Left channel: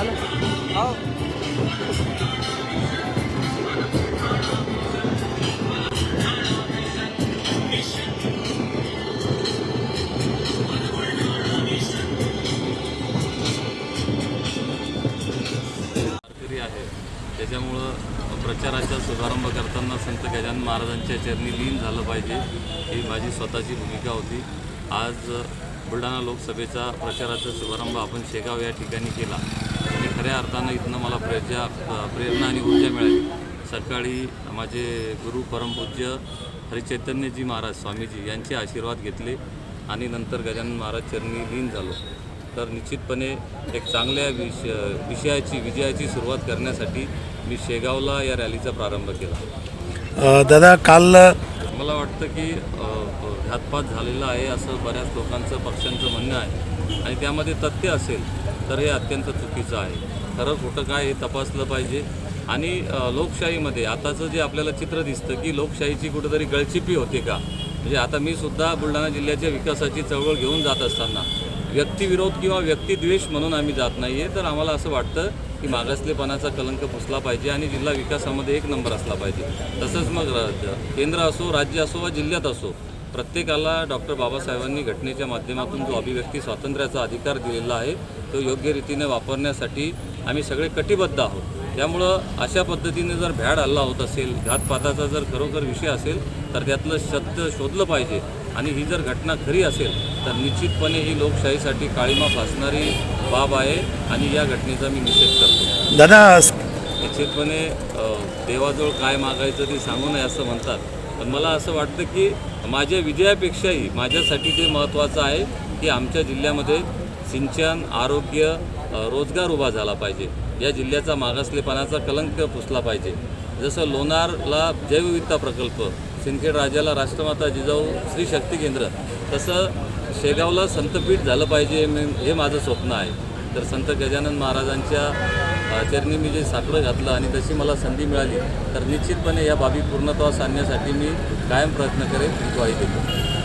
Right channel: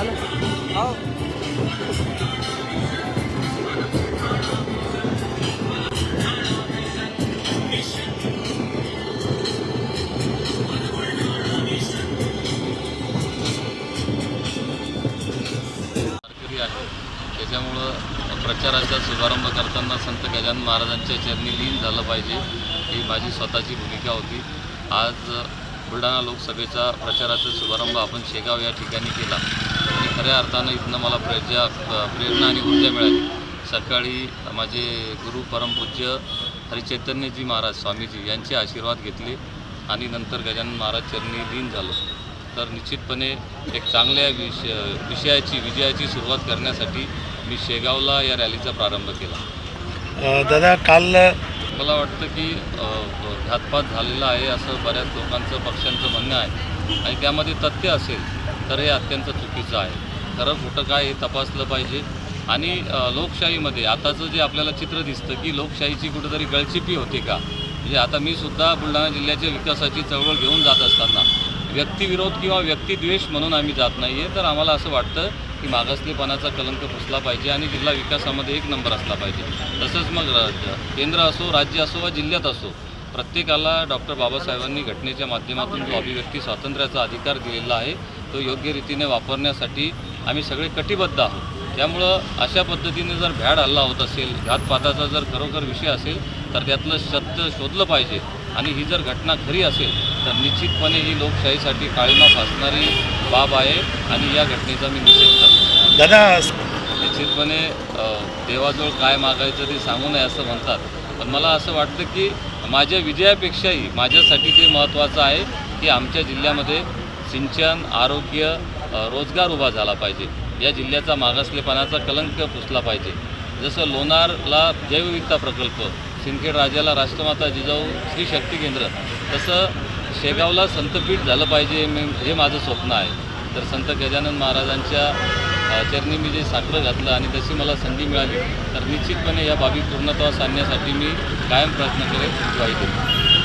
हो. त्याच्यामुळं प्रचाराचा शुभारंभ करताना संत गजानन महाराजांच्या चरणी लीन झालं पाहिजे ही माझी स्वतःची भूमिका होती. आज बुलढाणा लोकसभेचा प्रचाराचा शुभारंभ आपण शेगाव या ठिकाणी केला. आणि खऱ्या अर्थानं इथनं मला प्रेजा प्रेरणा आणि ऊर्जा मिळाली. सकाळी माझे गुरु परमपूज्य हरिचैतन्यजी महाराज स्वामीजी यांचे आशीर्वाद घेतले आणि नंतर गजानन महाराज चरणी लीन झालो. तर निश्चितपणे एक चांगल्या विष विषयाची विजयाची सुरुवात करण्यासाठी मी शेगावला या रॅलीचा प्रारंभ केला. दादा काल मला वाटतं की घातपात झालेला आहे असं बऱ्याच लोकांचं पक्षांचं म्हणणं आहे. आणि त्यामध्ये तथ्य असेल तर हे अत्यंत चुकीचं आहे. खरं खोटं काय हे तपासलं पाहिजे. आणि लोकशाहीमध्ये आताचं जे आपल्याला चित्र दिसतं की लोकशाहीची कुठेतरी गळचिपी होते का? म्हणजे आता मी सुद्धा बुलढाणा जिल्ह्याच्या विकासाची चळवळ घेऊन जात असताना व्यक्तिविरोध किंवा व्यक्तिद्वेष म्हणून आम्ही जात नाही आहे तर आम्हाला असं वाटतं की मागासलेपणाचा कलंक पुसला पाहिजे आणि जिल्हा विकासामध्ये एक नंबर असला पाहिजे. तसंच मग केंद्र असो राज्य असो वा जिल्ह्यात असो प्रत्येकाला डॉक्टर बाबासाहेबांनी घटनेच्या माध्यमातून जो अभिव्यक्ती स्वातंत्र्याचा अधिकार दिलेला आहे तो योग्य रीतीने वापरण्यासाठी आम्ही सगळे कटिबद्ध आहोत. त्यामुळं अशा पद्धतीने जर भ्याड हल्ला होत असेल घातपाताचा जर खरोखर विषय असेल तर त्यातलं सत्य शोधलं पाहिजे. आणि ही जर घटना खरी असेल तर निश्चितपणे ही लोकशाहीसाठी काळीमा फासणारी बाब आहे आणि या घटनेचा मी निषेध करतो. दादा निश्चितपणे देवाजवळ काय मागायचं ते सांगू नये असं म्हणतात. पण मला असं वाटतं की माझ्या विजयापेक्षाही माझ्यासाठी ते महत्त्वाचं आहे की आमच्या जिल्ह्यामध्ये सिंचन आरोग्य रोजगार उभा झाला पाहिजे. या जिल्ह्याचा मागासलेपणाचा कलंक पुसला पाहिजे. जसं लोणारला जैवविविधता प्रकल्प सिंदखेड राजाला राष्ट्रमाता जिजाऊ श्री शक्ती केंद्र तसं शेगावला संतपीठ झालं पाहिजे मे- हे माझं स्वप्न आहे. तर संत गजानन महाराजांच्या चरणी मी जे साकडं घातलं आणि तशी मला संधी मिळाली तर निश्चितपणे या बाबी पूर्णत्वास आणण्यासाठी मी कायम प्रयत्न करेन ग्वाही देतो.